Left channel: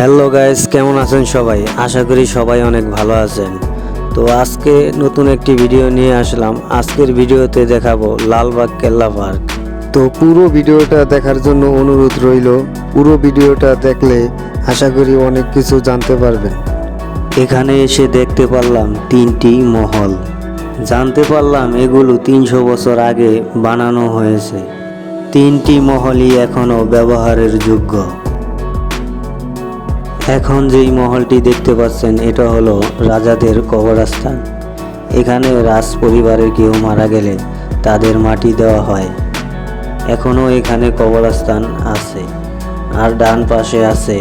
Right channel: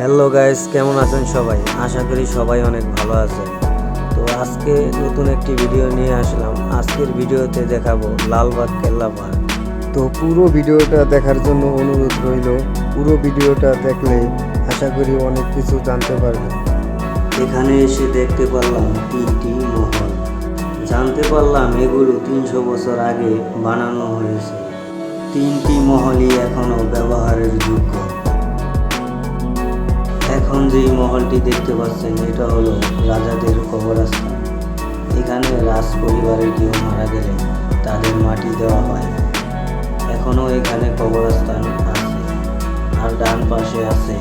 Hello guys, কেমন আছেন সবাই? আশা করি সবাই অনেক ভালো আছেন। তো আজকে নতুন একটি ভিডিও নিয়ে আসলাম। আজকের ভিডিওতে দেখাবো লালবাগ কেল্লা পার্ক। তো পুরো ভিডিওটা দেখার জন্য অনুরোধ রইল। পুরো ভিডিওটা দেখলে আশা করি অনেক কিছু জানতে পারবেন। এখানে এসে দেখতে পারলাম 3টি মহল। জানতে পারলাম এগুলো 300 বছর আগে বানানো হয়েছে। 3টি মহলই এখনও ব্যবহারের যোগ্য। এখন যেই মহলটি দেখতে পাচ্ছেন এটা হলো রাজাদের কবরস্থান। এখানে রাজ পরিবারের কেউ মারা গেলে তাদের মাটি দেওয়া হয়। এখনও এখানে কবরস্থান আছে। আর ডান পাশে আছে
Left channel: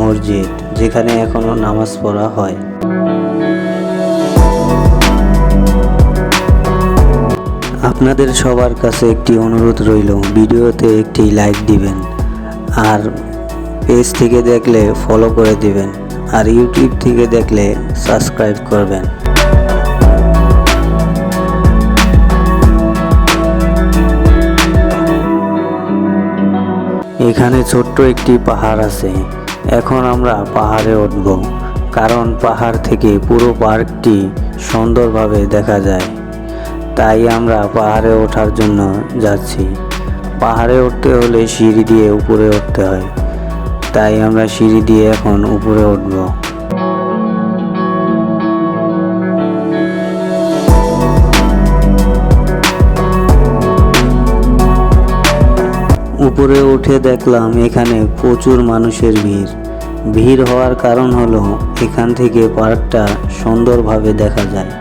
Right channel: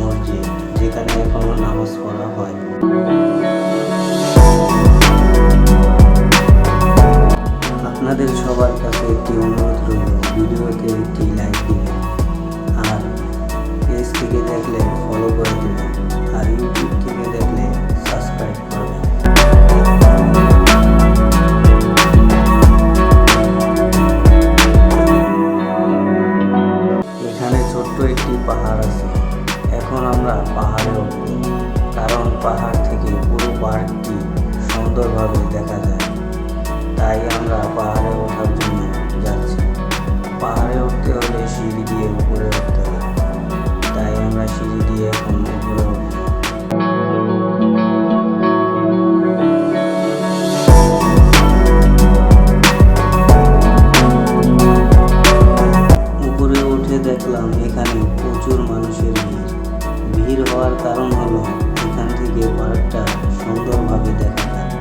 মসজিদ, যেখানে এখনও নামাজ পড়া হয়। আপনাদের সবার কাছে একটি অনুরোধ রইল, ভিডিওতে একটি লাইক দিবেন, আর পেজ থেকে দেখলে ফলো করে দিবেন, আর ইউটিউব থেকে দেখলে সাবস্ক্রাইব করবেন। এখানে ছোট্ট একটি পাহাড় আছে। এখন আমরা পাহাড়ে উঠব, কারণ পাহাড় থেকে পুরো পার্কটি সুন্দরভাবে দেখা যায়। তাই আমরা পাহাড়ে ওঠার জন্য যাচ্ছি। পাহাড়ে উঠতে হলে সিঁড়ি দিয়ে উপরে উঠতে হয়, তাই আমরা সিঁড়ি দিয়ে এখন উপরে উঠব। উপরে উঠে দেখলাম এখানে প্রচুর মানুষের ভিড় হওয়ার কারণ হলো এখান থেকে পার্কটা সুন্দরভাবে দেখা যায়।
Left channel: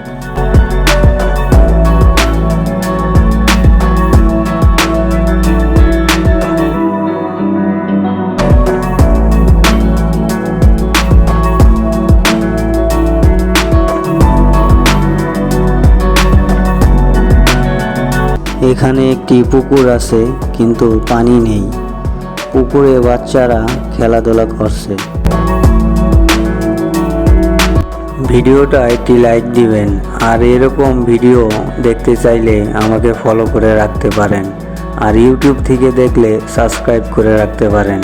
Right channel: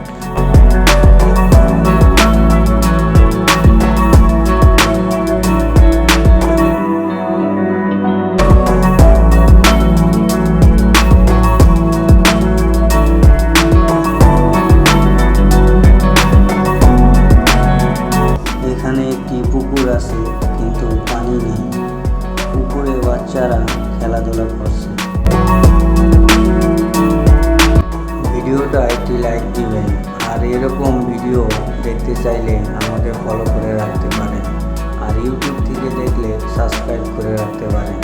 এখানে একটি পুকুর আছে, কিন্তু পানি নেই। পুকুরে বাচ্চারা খেলাধুলা করছে। ভিডিওটা একটি লাইক দিবেন, আর এরকম ভিডিও দেখতে চাইলে আমাকে ফলো করে রাখতে পারেন, আর ইউটিউব থেকে দেখলে সাবস্ক্রাইব করে রাখতে পারেন।